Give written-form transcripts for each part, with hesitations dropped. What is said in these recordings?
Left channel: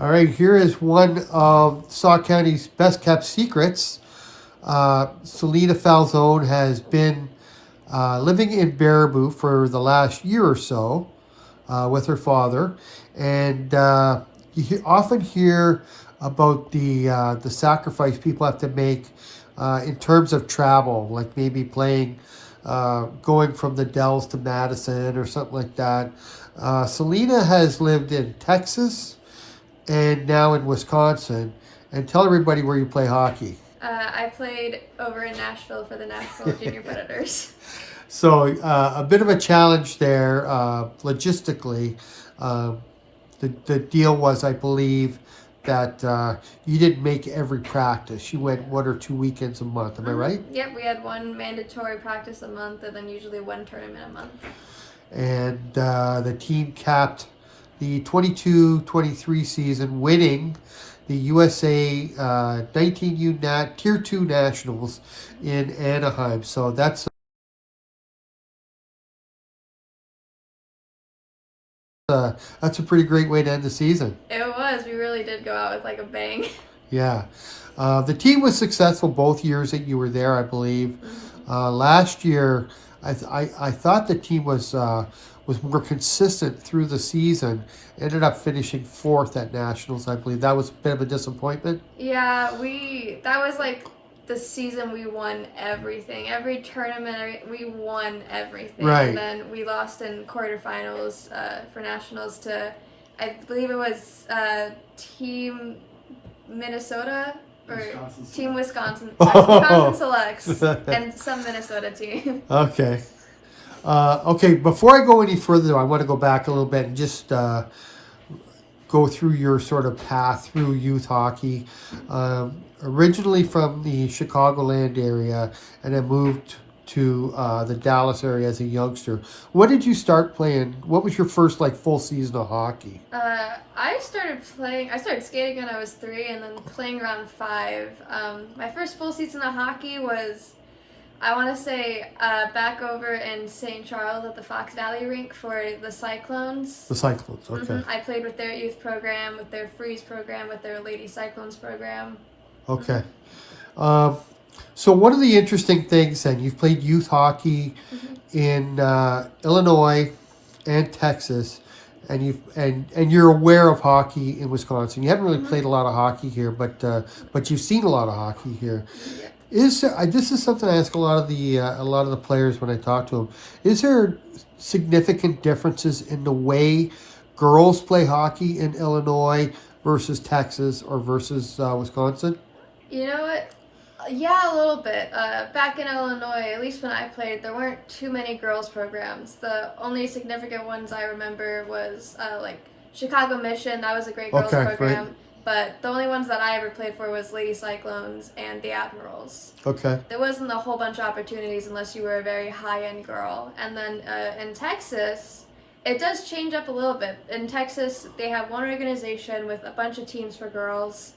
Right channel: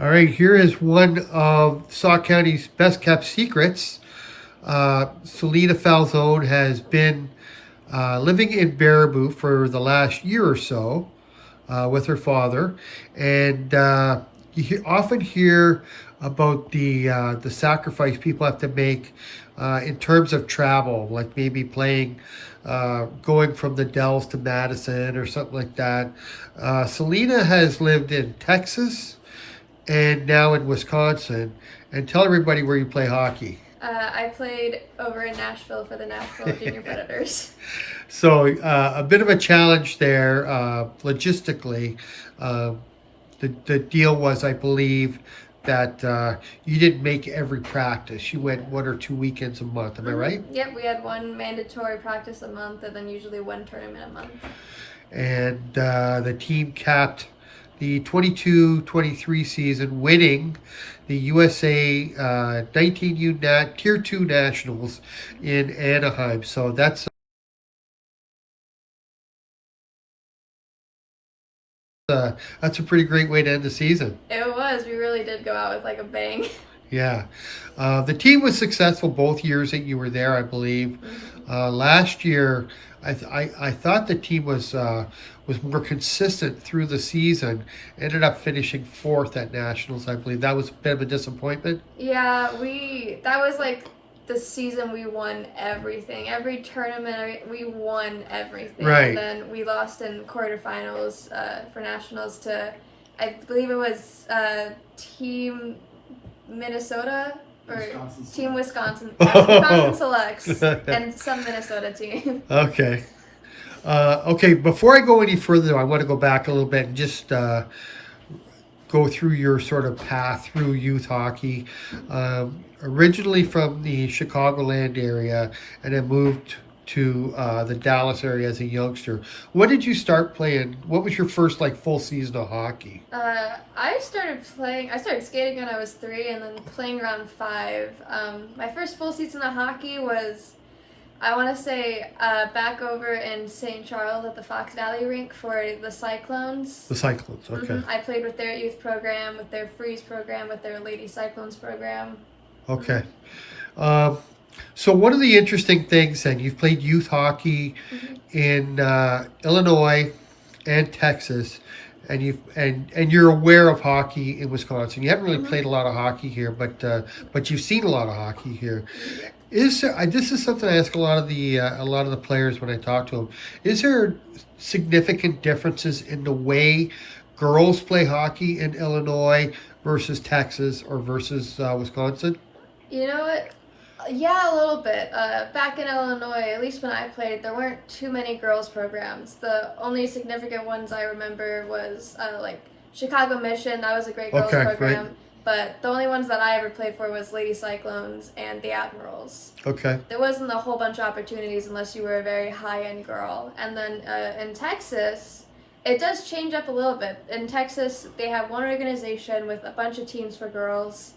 All right, here is one of Sauk County's best kept secrets. Selena Falzone has been living in Baraboo for the last year or so with her father, and often hear about the sacrifice people have to make in terms of travel, like maybe going from the Dells to Madison or something like that. Selena has lived in Texas and now in Wisconsin. And tell everybody where you play hockey. I played over in Nashville for the Nashville Junior Predators. So a bit of a challenge there logistically. Uh, the deal was, I believe, that you didn't make every practice. You went 1 or 2 weekends a month. Am I right? Yep, we had one mandatory practice a month and then usually one tournament a month. And the team capped the 22-23 season, winning the USA 19U Tier 2 Nationals in Anaheim. So that's a pretty great way to end the season. It was. We really did go out with like a bang. Yeah. The team was successful both years that you were there, I believe. Last year, I thought the team was more consistent through the season. Ended up finishing fourth at Nationals, I believe. That was a bit of a disappointment. Yeah, that was like the season we won everything. Every tournament, we won everything. Right. And then we lost in quarterfinals for Nationals to, I believe it was Team Minnesota or Wisconsin Team Wisconsin. Oh. Wisconsin Selects and some Minnesota team. Okay. Okay, before I go any further, though, I want to go back a little bit and just go through your sort of path through youth hockey. Originally from the Chicagoland area, and then moved to the Dallas area as a youngster. When did you start playing? What was your first full season of hockey? I started skating when I was 3 and then playing around 5. My first full season of hockey was, I want to say, back over in St. Charles at the Fox Valley rink for the Cyclones. The Cyclones, okay. I played with their youth program, with their Freeze program, with their Lady Cyclones program. Okay. So one of the interesting things, then, you've played youth hockey in Illinois and Texas, and you're aware of hockey in Wisconsin. You haven't really played a lot of hockey here, but you've seen a lot of hockey here. This is something I ask a lot of the players when I talk to them. Is there significant differences in the way girls play hockey in Illinois versus Texas or versus Wisconsin? You know what? Yeah, a little bit. Back in Illinois, at least when I played, there weren't too many girls programs. The only significant ones I remember was like Chicago Mission. That was a great girls program. Right. But the only ones that I ever played for was Lady Cyclones and the Admirals. Okay. There wasn't a whole bunch of opportunities unless you were a very high-end girl. And then in Texas, it does change up a little bit. In Texas, they have one organization with a bunch of teams for girls.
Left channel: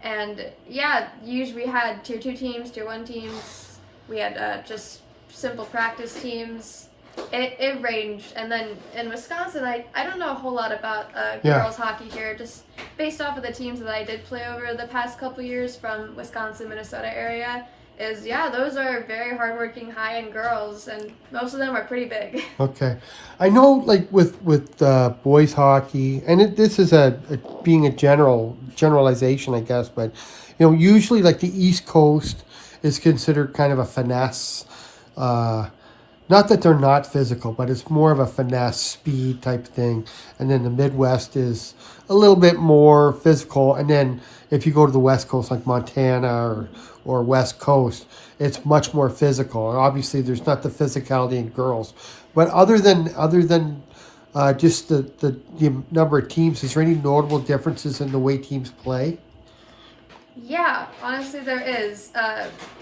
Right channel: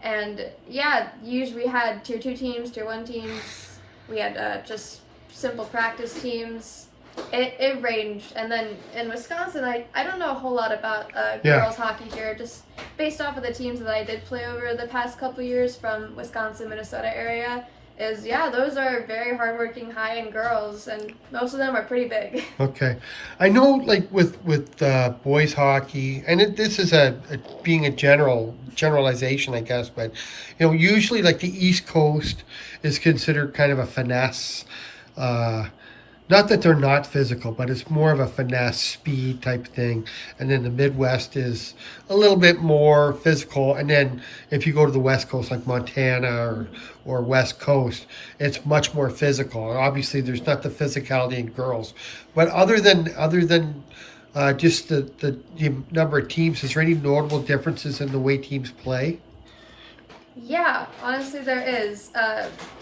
And yeah, usually we had Tier 2 teams, Tier 1 teams. We had just simple practice teams. It ranged. And then in Wisconsin, I don't know a whole lot about girls hockey here, just based off of the teams that I did play over the past couple years from Wisconsin, Minnesota area. Those are very hardworking, high-end girls, and most of them are pretty big. Okay. I know, with boys hockey, and this is being a generalization, I guess, but, usually, the East Coast is considered kind of a finesse. Not that they're not physical, but it's more of a finesse, speed type thing. And then the Midwest is a little bit more physical. And then if you go to the West Coast, like Montana or West Coast, it's much more physical. And obviously, there's not the physicality in girls. But other than just the number of teams, is there any notable differences in the way teams play? Yeah, honestly, there is.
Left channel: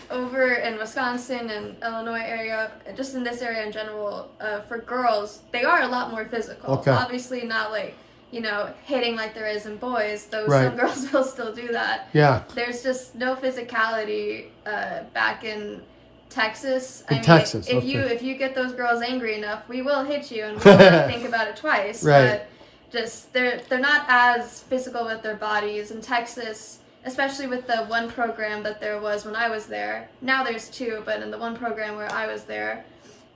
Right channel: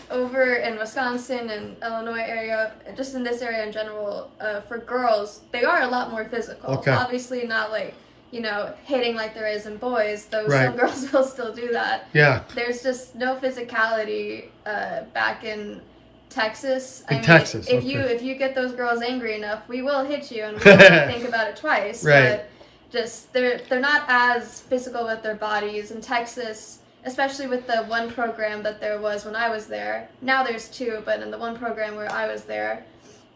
Over in Wisconsin and Illinois area, just in this area in general, for girls, they are a lot more physical. Okay. Obviously not hitting like there is in boys, though Right. some girls will still do that. Yeah. There's just no physicality back in Texas. Texas, if okay. you get those girls angry enough, we will hit you and we won't think about it twice. Right. just they're not as physical with their bodies. In Texas, especially with the one program that there was when I was there. Now there's two, but in the one program where I was there,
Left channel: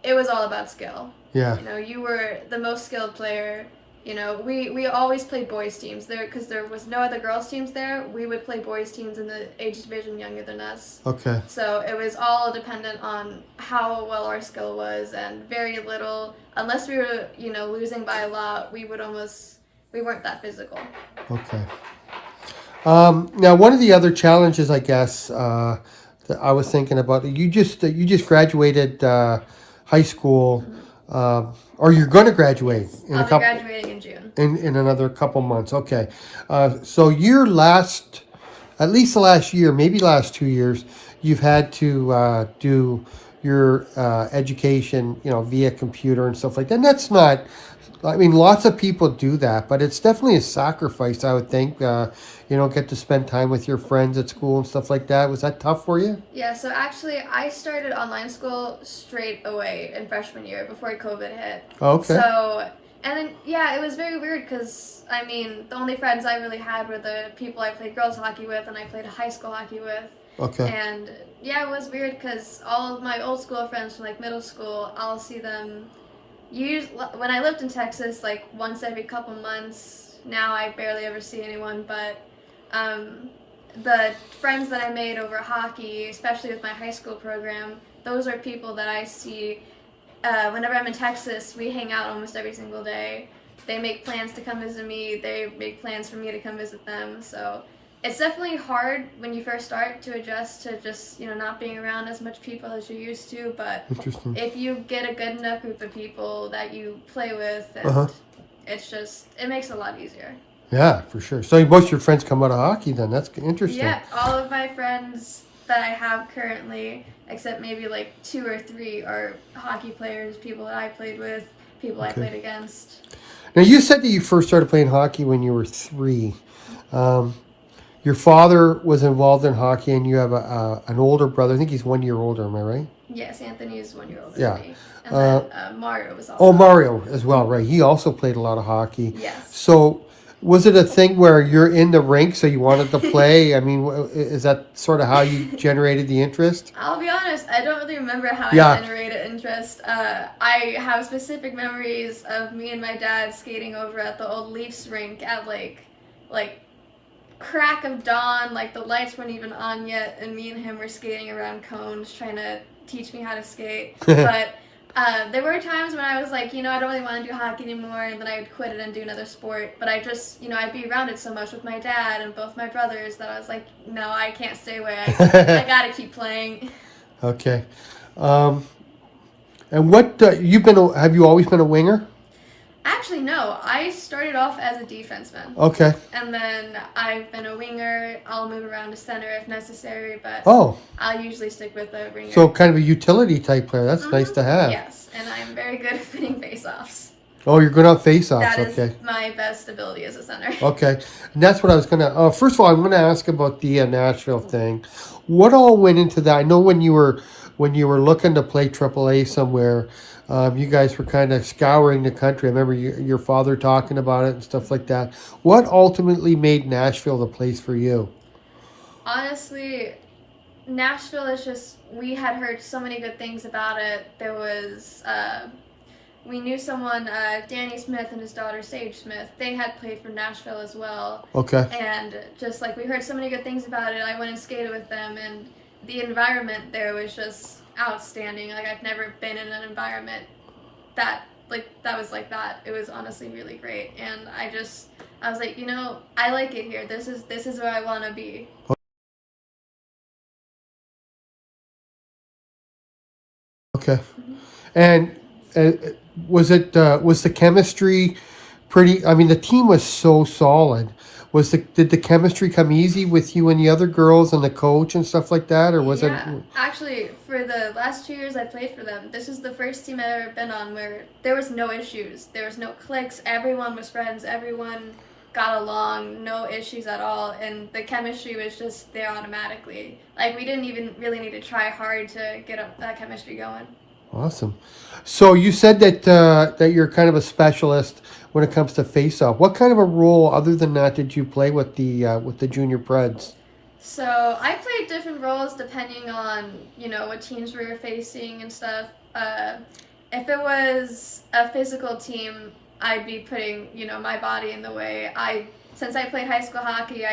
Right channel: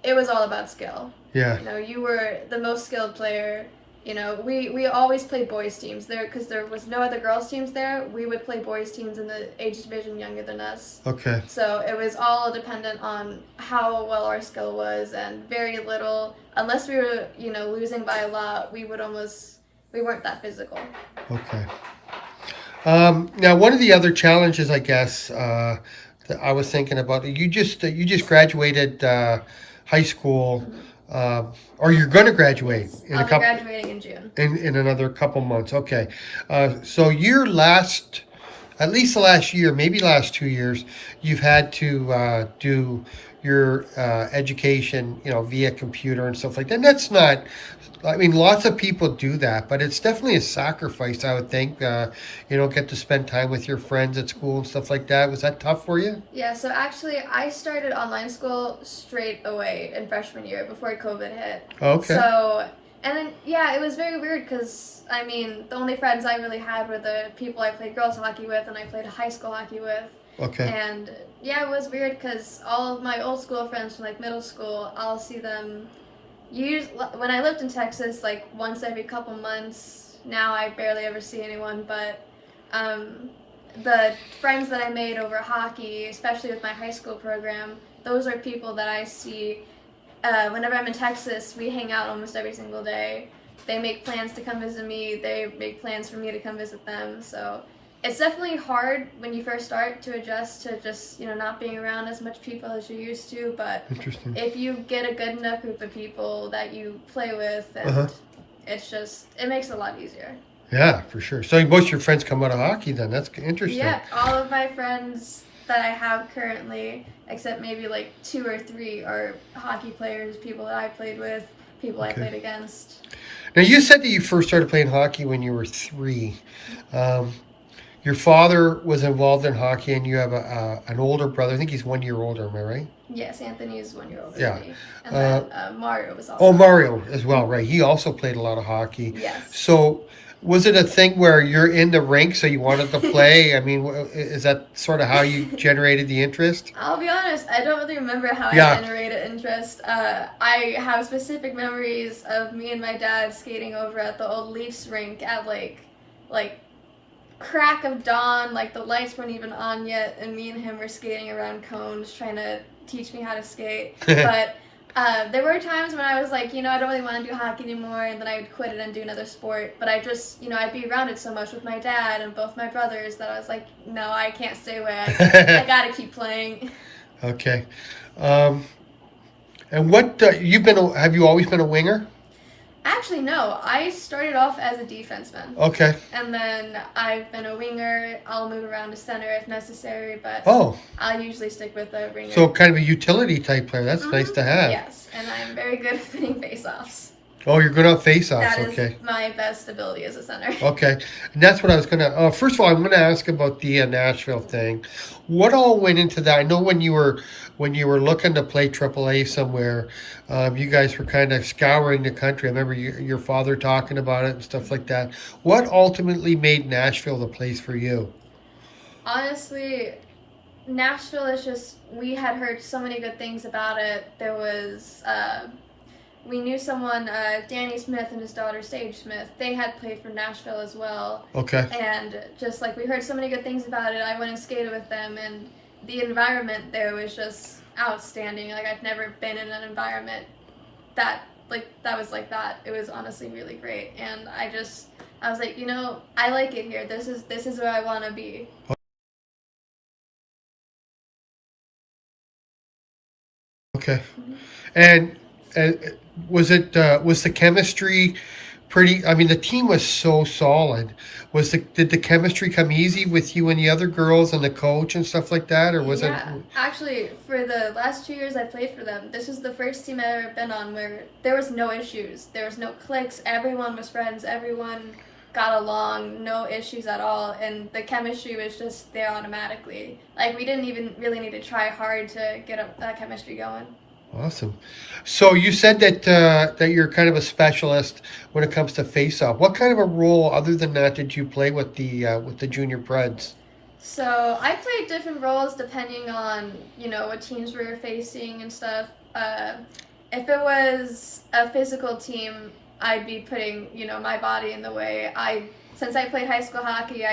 it was all about skill. Yeah. You know, you were the most skilled player. You know, we always played boys teams there because there was no other girls teams there. We would play boys teams in the age division younger than us. Okay. So it was all dependent on how well our skill was, and very little, unless we were, you know, losing by a lot, we weren't that physical. Okay. Now, one of the other challenges, I guess, that I was thinking about, you just graduated high school, or you're going to graduate in I'll be graduating in June. in another couple months. Okay, so at least the last year, maybe last 2 years, you've had to do your education, you know, via computer and stuff like that. And that's not. I mean, lots of people do that, but it's definitely a sacrifice, I would think. You don't get to spend time with your friends at school and stuff like that. Was that tough for you? Yeah, so actually, I started online school straight away in freshman year before COVID hit. Oh, okay. So, and then, yeah, it was very weird because, I mean, the only friends I really had were the people I played girls hockey with and I played high school hockey with. Okay. And, yeah, it was weird because all of my old school friends from, like, middle school, I'll see them when I lived in Texas, like, once every couple months. Now I barely ever see anyone, but the friends that I made over hockey, especially with my high school program, those are people that I see whenever I'm in Texas. We hang out almost every single day. They make plans to come visit me. They make plans for me to come visit them. So it's definitely hard when you first start to adjust to just, you know, not being around as much people as you're used to. But Interesting. if you get a good enough group of people that you play with, and it makes it a lot easier. Yeah, for sure. So most of your friends come out of hockey then. That's interesting. Yeah, all of my friends that I have currently, except maybe like 2 or 3, are hockey players, people that I played with, people I played against. Now, you said that you first started playing hockey when you were 3. Your father was involved in hockey, and you have an older brother. I think he's 1 year older. Am I right? Yes, Anthony's 1 year older Yeah. than me. And then Mario was also. Oh, Mario as well, right? He also played a lot of hockey. Yes. So, was it a thing where you're in the rink, so you wanted to play? I mean, is that sort of how you generated the interest? I'll be honest, I don't really remember how I generated interest. I have specific memories of me and my dad skating over at the old Leafs rink at like crack of dawn, like the lights weren't even on yet, and me and him were skating around cones trying to teach me how to skate. But there were times when I was like, you know, I don't really want to do hockey anymore, and then I would quit it and do another sport. But I just, you know, I'd be around it so much with my dad and both my brothers that I was like, no, I can't stay away. I gotta keep playing. Okay. And what have you always been a winger? Actually, no. I started off as a defenseman. Okay. And then I've been a winger. I'll move around to center if necessary, but I'll usually stick with a winger. So kind of a utility type player. That's nice to have. Yes, and I'm very good at winning face-offs. Oh, you're good on face-offs. That is my best ability as a center. Okay. And that's what I was going to... first of all, I'm going to ask about the Nashville thing. What all went into that? I know when you were looking to play AAA somewhere, you guys were kind of scouring the country. I remember your father talking about it and stuff like that. What ultimately made Nashville the place for you? Honestly, Nashville is just... We had heard so many good things about it. There was... we knew someone, Danny Smith and his daughter Sage Smith. They had played for Nashville as well. Okay. And just like we heard so many good things about it, I went and skated with them, and the environment there was just outstanding. Like, I've never been in an environment that was like that. It was honestly really great, and I was like, you know, I like it here. This is where I want to be. Okay. And was the chemistry pretty? I mean, the team was so solid. Did the chemistry come easy with you and the other girls and the coach and stuff like that, or was it? Actually, for the last 2 years I played for them, this is the first team I've ever been on where there was no issues. There was no cliques. Everyone was friends. Everyone got along. No issues at all, and the chemistry was just there automatically. Like, we didn't even really need to try hard to get that chemistry going. Awesome. So you said that that you're kind of a specialist when it comes to face-off. What kind of a role, other than that, did you play with the junior Preds? So I played different roles depending on what teams we were facing and stuff. If it was a physical team, I'd be putting my body in the way. Since I played high school hockey,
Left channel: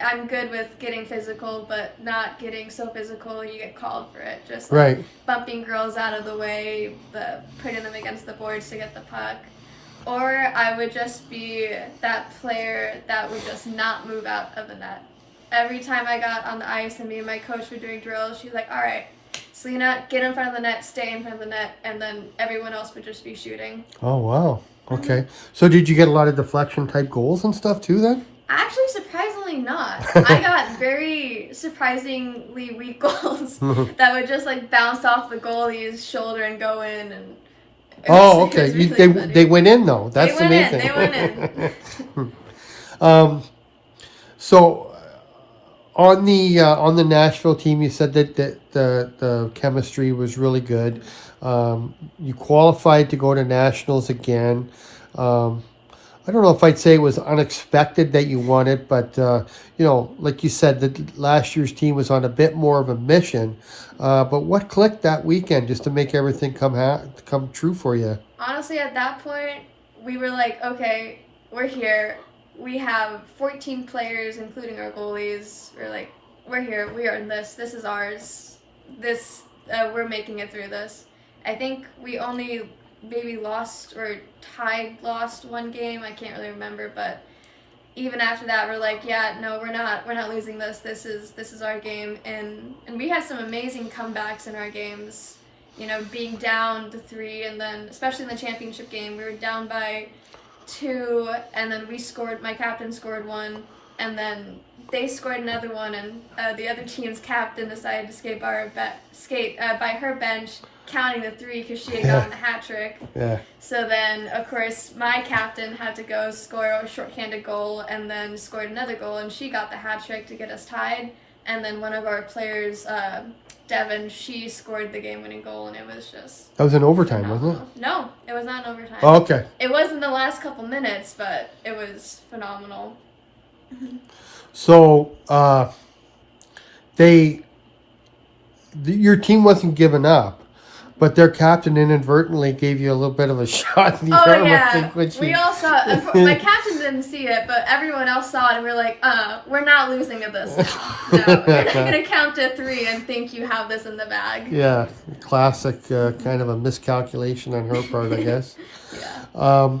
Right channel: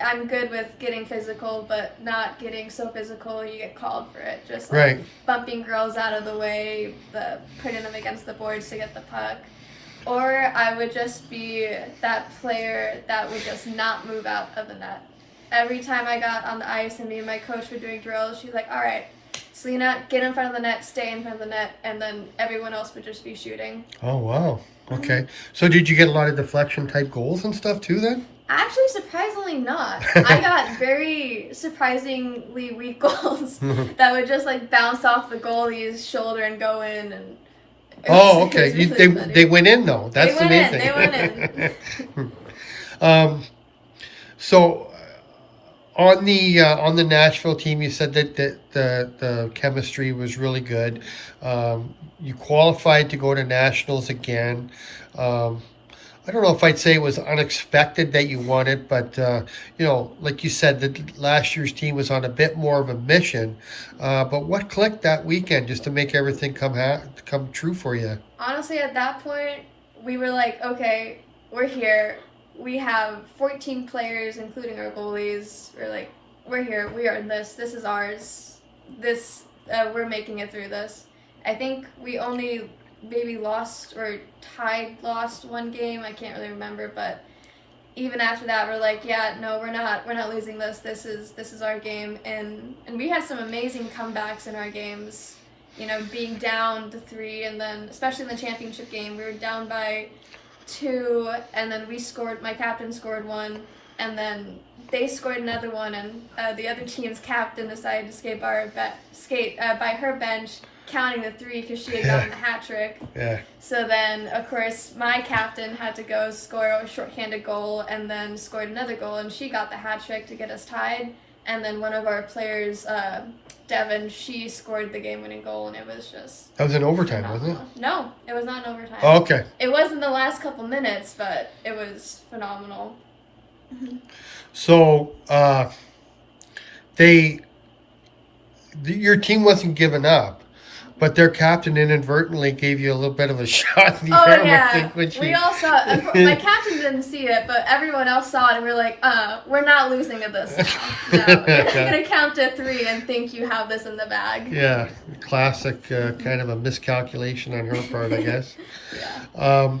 I'm good with getting physical, but not getting so physical you get called for it. Just like Right. bumping girls out of the way, putting them against the boards to get the puck. Or I would just be that player that would just not move out of the net. Every time I got on the ice and me and my coach were doing drills, she's like, all right, Selena, get in front of the net, stay in front of the net, and then everyone else would just be shooting. Oh wow. Okay. So did you get a lot of deflection type goals and stuff too then? Actually, surprisingly not. I got very surprisingly weak goals that would just like bounce off the goalie's shoulder and go in. And Oh, okay. really funny. They went in though. That's the main thing. They went in. So on the Nashville team, you said that the chemistry was really good. You qualified to go to nationals again. I don't know if I'd say it was unexpected that you won it, but like you said, that last year's team was on a bit more of a mission. But what clicked that weekend just to make everything come true for you? Honestly, at that point, we were like, okay, we're here. We have 14 players, including our goalies. We're like, we're here. We are in this. This is ours. We're making it through this. I think we only maybe lost one game. I can't really remember, but even after that, we're like, yeah, no, we're not losing this. This is our game, and we had some amazing comebacks in our games. Being down to 3, and then especially in the championship game, we were down by 2, and then my captain scored 1, and then they scored another one, and the other team's captain decided to skate by her bench, counting the 3 because she had gotten a hat trick. Yeah. So then, of course, my captain had to go score a shorthanded goal, and then scored another goal, and she got the hat trick to get us tied. And then one of our players, Devin, she scored the game-winning goal, and it was just That was in overtime, phenomenal. wasn't it? No, it was not in overtime. Oh, okay. It was in the last couple minutes, but it was phenomenal. So your team wasn't giving up, but their captain inadvertently gave you a little bit of a shot in the arm. I think, we all saw it. My captain didn't see it, but everyone else saw it, and we were like, we're not losing to this now. No, you're not going to count to 3 and think you have this in the bag. Yeah, classic kind of a miscalculation on her part, I guess. Yeah.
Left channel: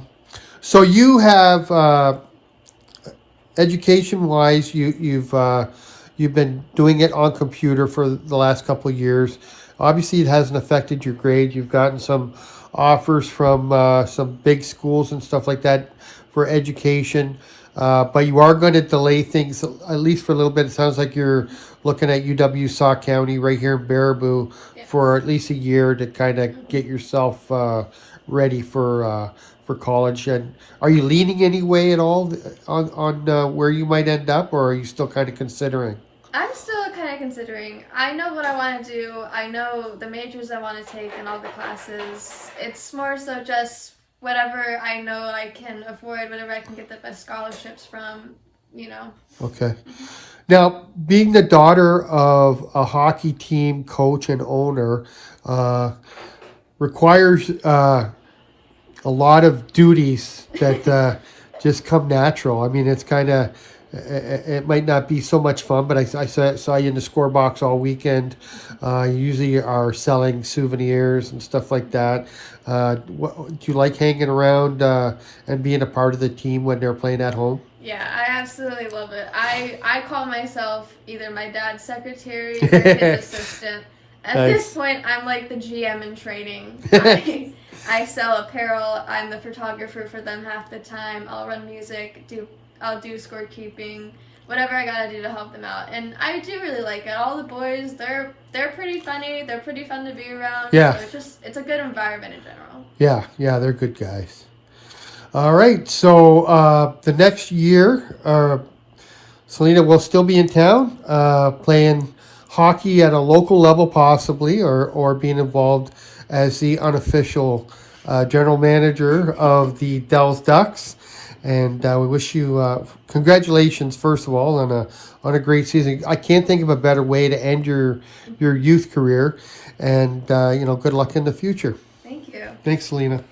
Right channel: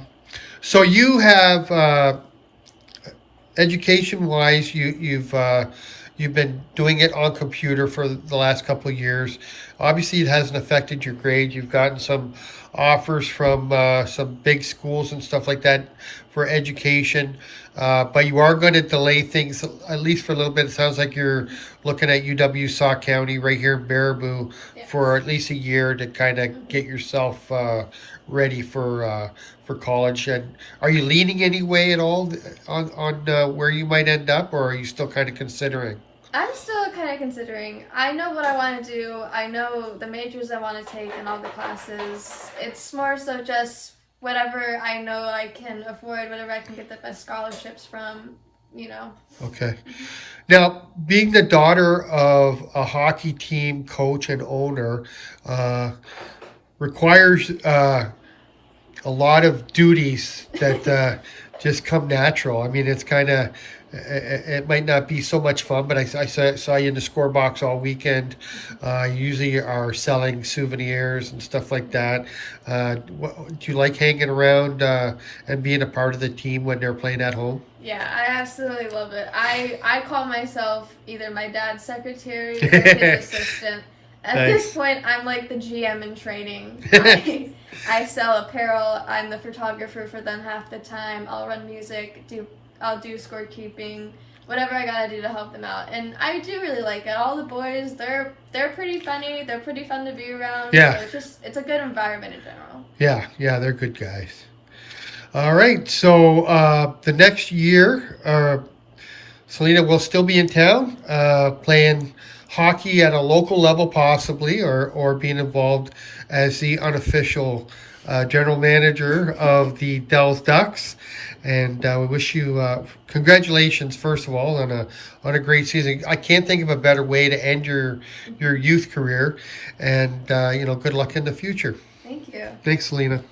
So you have, education-wise, you've been doing it on computer for the last couple of years. Obviously, it hasn't affected your grade. You've gotten some offers from some big schools and stuff like that for education. But you are going to delay things, at least for a little bit. It sounds like you're looking at UW Sauk County right here in Baraboo for at least a year to kind of get yourself ready for college. And are you leaning any way at all on where you might end up, or are you still kind of considering? I'm still kind of considering. I know what I want to do. I know the majors I want to take and all the classes. It's more so just whatever I know I can afford, whatever I can get the best scholarships from, Okay. Now, being the daughter of a hockey team coach and owner requires a lot of duties that just come natural. I mean, it's kind of, it might not be so much fun, but I saw you in the score box all weekend. You usually are selling souvenirs and stuff like that. Do you like hanging around and being a part of the team when they're playing at home? Yeah, I absolutely love it. I call myself either my dad's secretary or his assistant. At this point, I'm like the GM in training. I sell apparel. I'm the photographer for them half the time. I'll run music. I'll do scorekeeping. Whatever I gotta do to help them out. And I do really like it. All the boys, they're pretty funny. They're pretty fun to be around. Yeah. So it's a good environment in general. Yeah, they're good guys. All right, so the next year, Selena will still be in town playing hockey at a local level, possibly, or being involved as the unofficial general manager of the Dells Ducks. And we wish you congratulations, first of all, on a great season. I can't think of a better way to end your youth career, and good luck in the future. Thank you. Thanks, Selena.